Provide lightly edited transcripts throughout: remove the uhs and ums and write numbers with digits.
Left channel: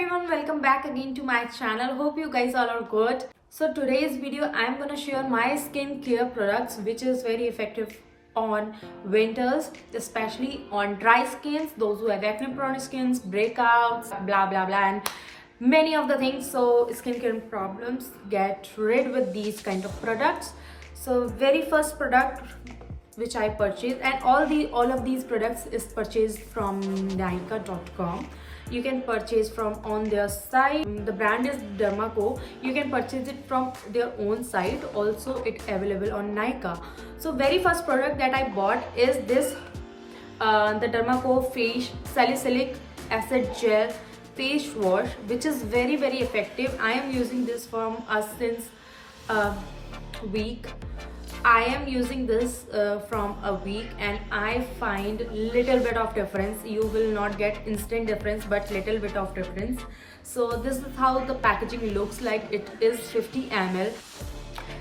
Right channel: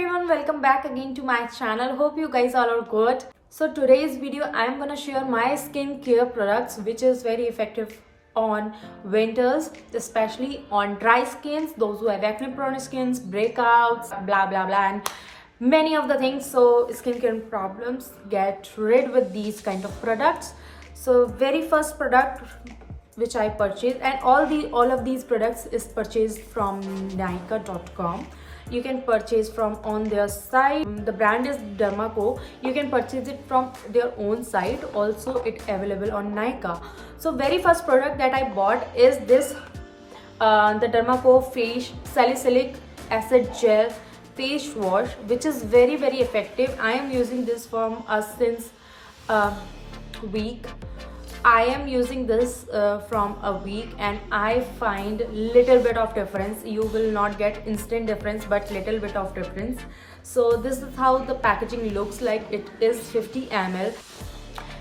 everyone, welcome back again to my channel. Hope you guys all are good. So today's video I am gonna share my skincare products which is very effective on winters, especially on dry skins, those who have acne prone skins, breakouts, blah blah blah, and many of the things. So skincare problems, get rid with these kind of products. So very first product which I purchased, and all of these products is purchased from Nykaa.com. You can purchase from on their site. The brand is Dermaco. You can purchase it from their own site. Also it available on Nykaa. So very first product that I bought is this the Dermaco Face Salicylic Acid Gel face wash, which is very effective. I am using this from since a week. I am using this from a week and I find little bit of difference. You will not get instant difference, but little bit of difference. So this is how the packaging looks like. It is 50 ml.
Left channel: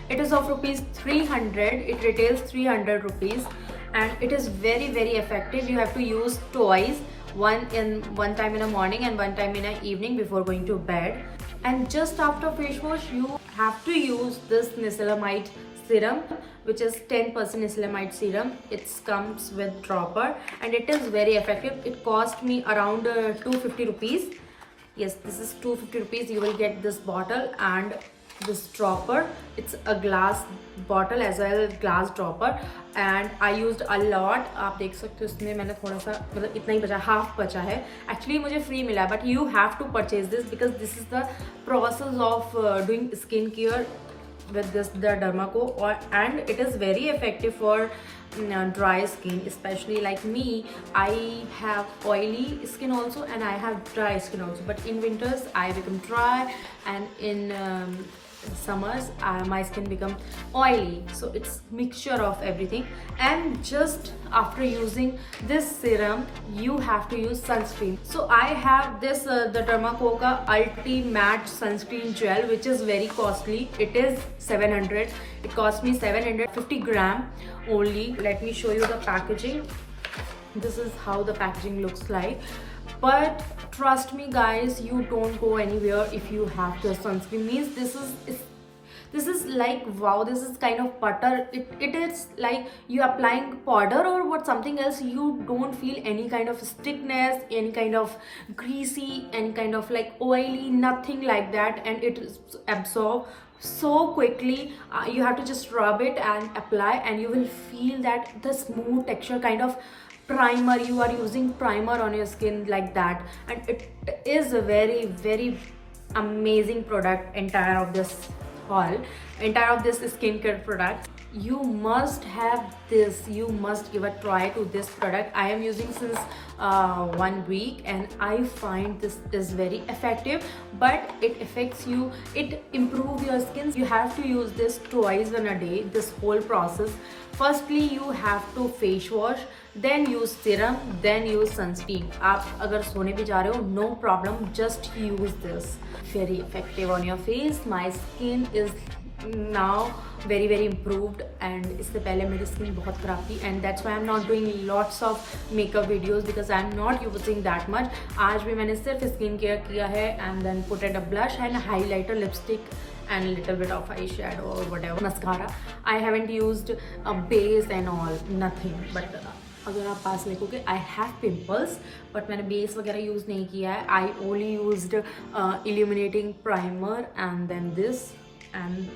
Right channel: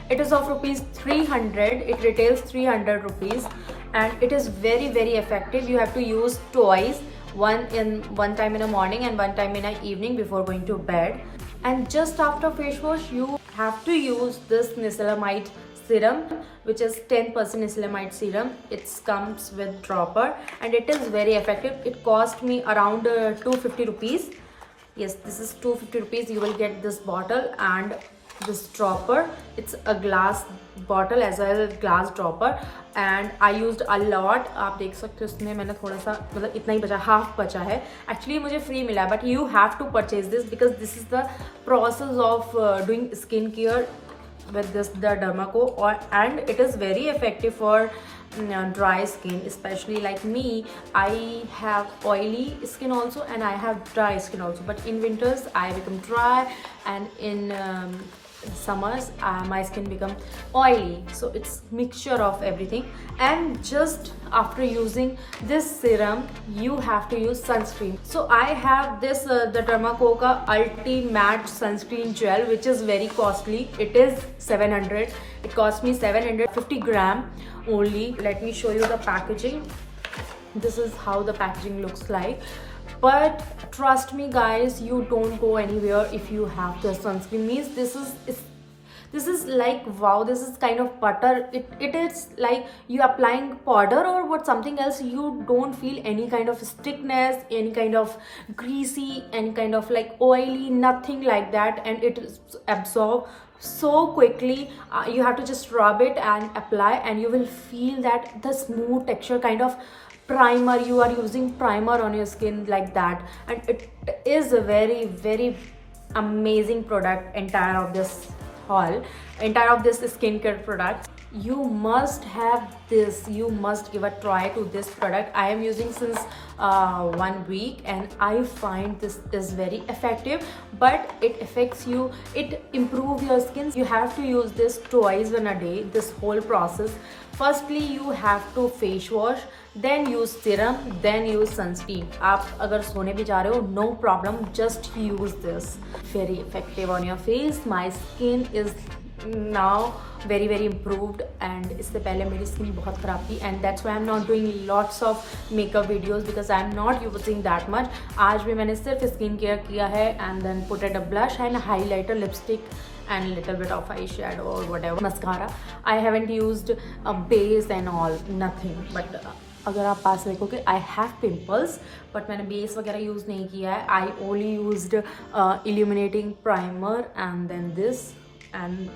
It is of rupees 300. It retails 300 rupees and it is very effective. You have to use twice, one time in the morning and one time in the evening before going to bed. And just after face wash, you have to use this niacinamide serum, which is 10% niacinamide serum. It comes with dropper and it is very effective. It cost me around 250 rupees. Yes, this is 250 rupees. You will get this bottle and this dropper. It's a glass bottle as well as glass dropper, and I used a lot. आप देख सकते हो इसमें मैंने थोड़ा सा मतलब इतना ही बचा, हाफ बचा है. Actually मुझे free मिला, but you have to purchase this because this is the process of doing skin care with this the Dermaco, and it is very effective for dry skin, especially like me. I have oily skin also and I have dry skin also, but in winters I become dry, and in summers my skin become oily. So it's mixture of everything. And just after using this serum, you have to use sunscreen. So I have this the Dermaco ka Ulti Matte Sunscreen Gel, which is very costly. It is 700. It cost me 750 gram only. Let me show you the packaging. This is how the packaging looks like. But trust me guys, you don't go anywhere if you have the sunscreen. Means this is like, wow, this is kind of butter. It is like you applying powder or what, something else. You don't feel any kind of stickness, any kind of greasy, any kind of like oily, nothing like that, and it is absorb so quickly. You have to just rub it and apply, and you will feel that the smooth texture, kind of primer. You are using primer on your skin like that, and it is a very amazing product. Entire of this skincare product, you must have this. You must give a try to this product. I am using since 1 week and I find this is very effective, but it affects you, it improves your skin. You have to use this twice in a day. This whole process, firstly you have to face wash, then use serum, then use sunscreen. आप अगर सोने भी जा रहे हो, no problem, just use this. Very effective on your face. My skin is now very improved, and इससे पहले मेरी skin बहुत खराब थी, and that's why I'm not doing lots of makeup videos because I'm not using that much. आज भी मैंने सिर्फ skin care किया है, and then put it a blush and highlighter, lipstick and little bit of eyeshadow or whatever, mascara. I haven't used a base and all, nothing. But अगर आप पास देखोगे, I have pimples, but मैंने base वगैरह use नहीं किया है. I only used illuminating primer and then this and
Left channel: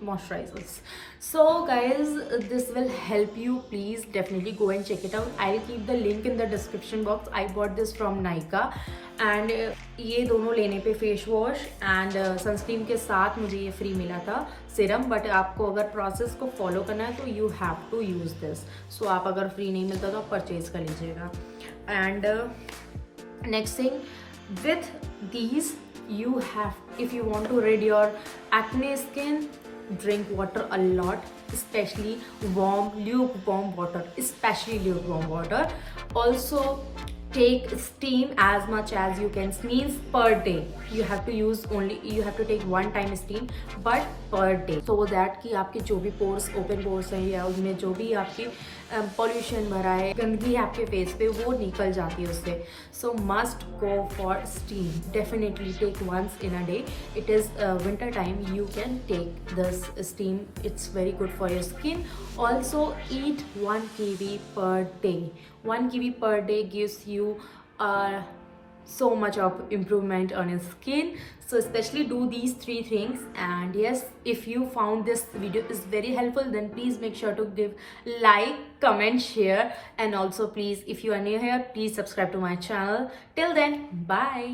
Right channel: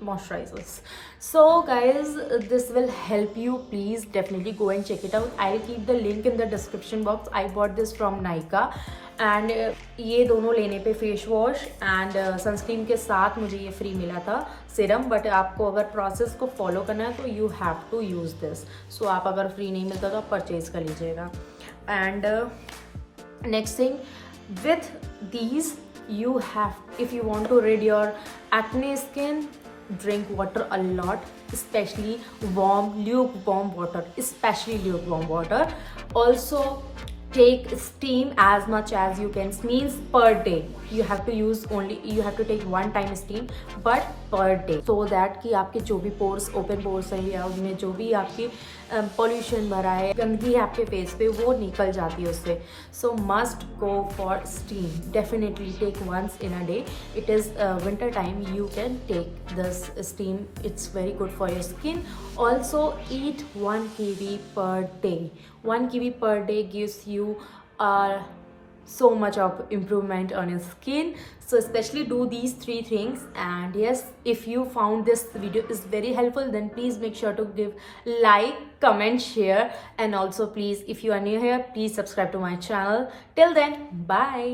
moisturizers. So guys, this will help you. Please definitely go and check it out. I'll keep the link in the description box. I bought this from Nykaa, and ये दोनों लेने पे face wash and sunscreen के साथ मुझे ये free मिला था सीरम. बट आपको अगर प्रोसेस को फॉलो करना है तो you have to use this. So आप अगर फ्री नहीं मिलता तो आप परचेज कर लीजिएगा. And next thing, with these you have, if you want to rid your acne skin, drink water a lot, especially lukewarm water. Also take steam as much as you can. Means per day you have to take one time steam, but per day, so that कि आपके जो भी pores, open pores हैं या उनमें जो भी आपकी पॉल्यूशन भरा है, गंदगी है आपके फेस पे, वो निकल जाती है उससे. So must go for steam. Definitely take once in a day. It is winter time, you can take this steam. It's very good for your skin. Also eat 1 kiwi per day. 1 kiwi per day gives you so much of improvement on your skin. So especially do these 3 things. And yes, if you found this video is very helpful, then please make sure to give like, comment, share, and also please, if you are new here, please subscribe to my channel. Till then, bye.